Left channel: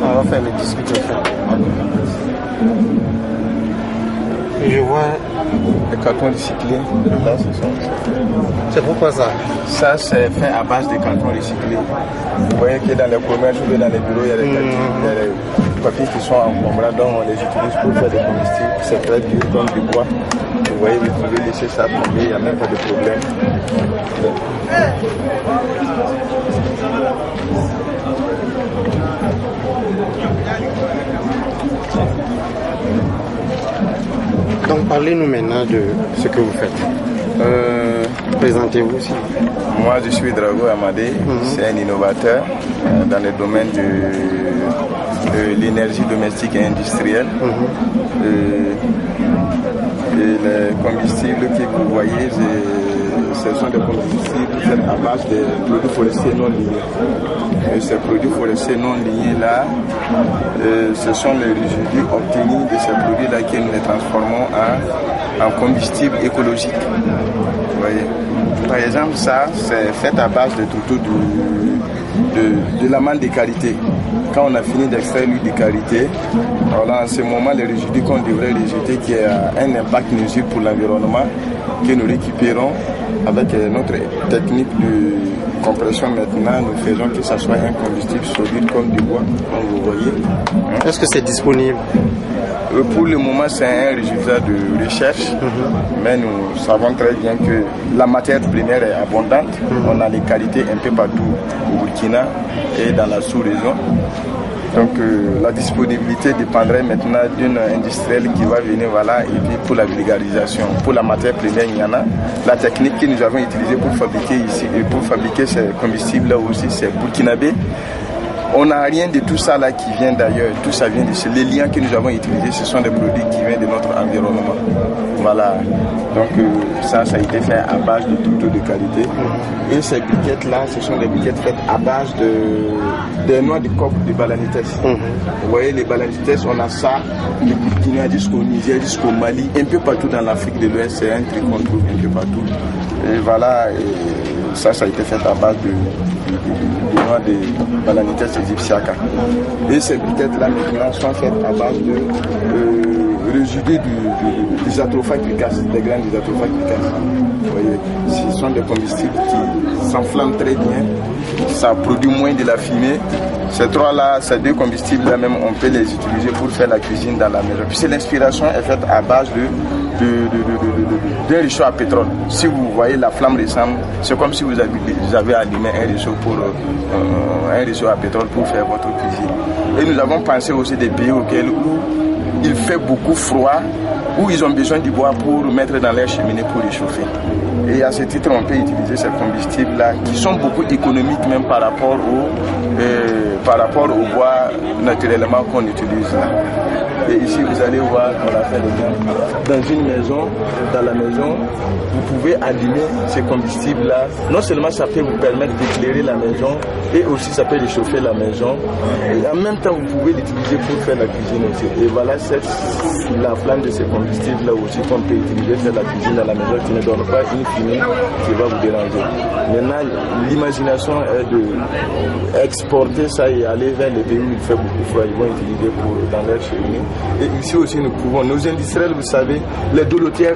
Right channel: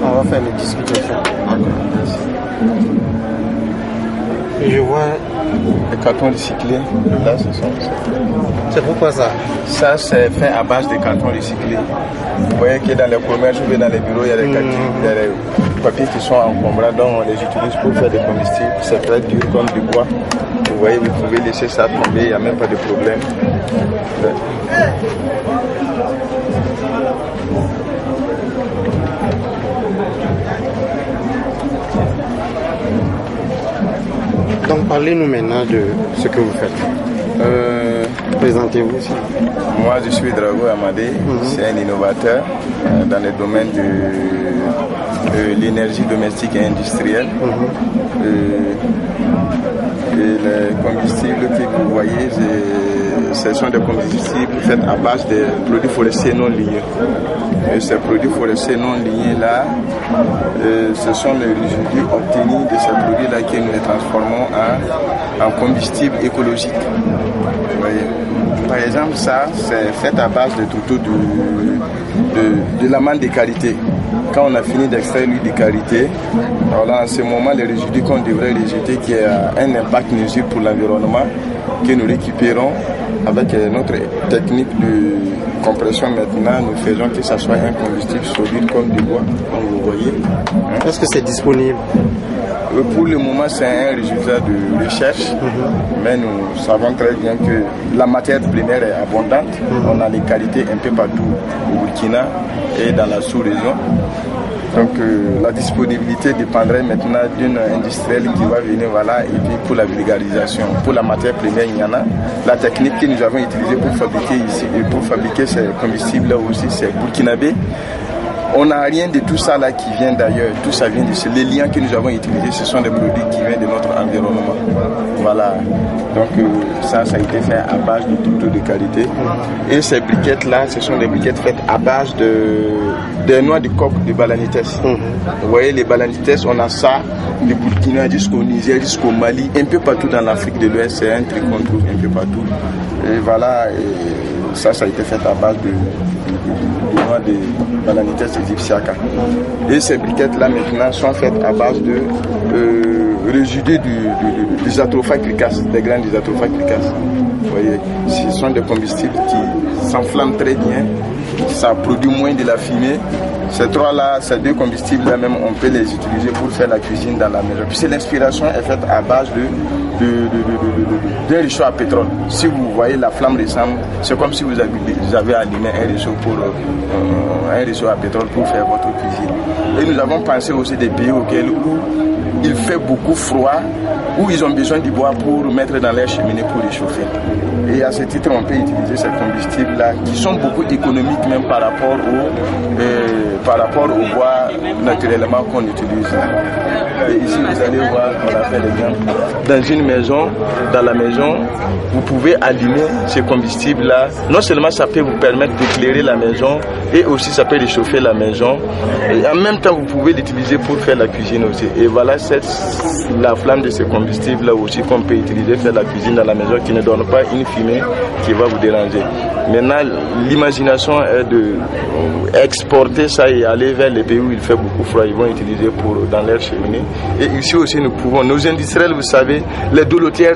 On va faire les discutations. Et je vois les cartons recyclés. Là, c'est pourquoi ça? Ça, c'est fait à base de cartons recyclés. Vous voyez que dans les commerces ou dans les bureaux, il y a des papiers qui sont encombrants, donc on les utilise pour faire des combustibles. C'est très dur comme du bois. Vous voyez, vous pouvez laisser ça tomber, il n'y a même pas de problème. Donc parlez-nous maintenant de ce que vous faites. Présentez-vous aussi. Moi je suis Drago Amadé, c'est un innovateur dans le domaine de l'énergie domestique et industrielle. Et les combustibles que vous voyez, ce sont des combustibles faits à base de produits forestiers non lignés. Et ces produits forestiers non lignés là, ce sont les résidus obtenus de ces produits là que nous les transformons en combustible écologique. Vous voyez. Par exemple, ça c'est fait à base de trouteaux de l'amande de karité. Quand on a fini d'extraire l'huile de karité, alors en ce moment les résidus qu'on devrait rejeter qui a un impact nuisible pour l'environnement, que nous récupérons avec notre technique de compression maintenant, nous faisons que ça soit un combustible solide comme du bois, comme vous voyez. Est-ce que c'est disponible? Pour le moment, c'est un résultat de recherche, mais nous savons très bien que la matière première est abondante. On a les qualités un peu partout au Burkina et dans la sous-région. Donc la disponibilité dépendrait maintenant d'une industrielle qui va venir, voilà, et puis pour la vulgarisation. Pour la matière première, il y en a. La technique que nous avons utilisée pour fabriquer ici et pour fabriquer ces combustibles là aussi, c'est burkinabé. On n'a rien de tout ça là qui vient d'ailleurs, tout ça vient de les liens que nous avons utilisés, ce sont des produits qui viennent de notre environnement. Voilà, donc ça a été fait à base de trouteaux de qualité. Et ces briquettes là, ce sont des briquettes faites à base de noix de coque de balanites. Vous voyez les balanites, on a ça du Burkina jusqu'au Niger, jusqu'au Mali, un peu partout dans l'Afrique de l'Ouest, c'est un truc qu'on trouve un peu partout. Et voilà, et ça a été fait à base de noix de balanites égyptiaca. Et ces briquettes là maintenant sont faites à base de résidus des atrophaques cricas, des graines des atrophaques cricas. Vous voyez, ce sont des combustibles qui s'enflamment très bien, ça produit moins de la fumée. Ces trois-là, ces deux combustibles-là même, on peut les utiliser pour faire la cuisine dans la maison. Puis l'inspiration est faite à base d'un réchaud à pétrole. Si vous voyez la flamme ressemble, c'est comme si vous avez allumé un réchaud à pétrole pour faire votre cuisine. Et nous avons pensé aussi des pays où il fait beaucoup froid, où ils ont besoin du bois pour mettre dans leur cheminée pour réchauffer. Et à ce titre, on peut utiliser ces combustibles-là qui sont beaucoup économiques même par rapport au bois naturellement qu'on utilise là. Et ici, vous allez voir qu'on a fait l'exemple. Dans une maison, dans la maison, vous pouvez allumer ces combustibles-là. Non seulement ça peut vous permettre d'éclairer la maison, et aussi ça peut réchauffer la maison. Et en même temps, vous pouvez l'utiliser pour faire la cuisine aussi. Et voilà la flamme de ces combustibles-là aussi qu'on peut utiliser pour faire la cuisine dans la maison qui ne donne pas une fumée qui va vous déranger. Maintenant, l'imagination est d'exporter ça et aller vers les pays où il fait beaucoup froid. Ils vont utiliser dans leur cheminée. Et ici aussi, nous pouvons, nos industriels, vous savez, les dolotières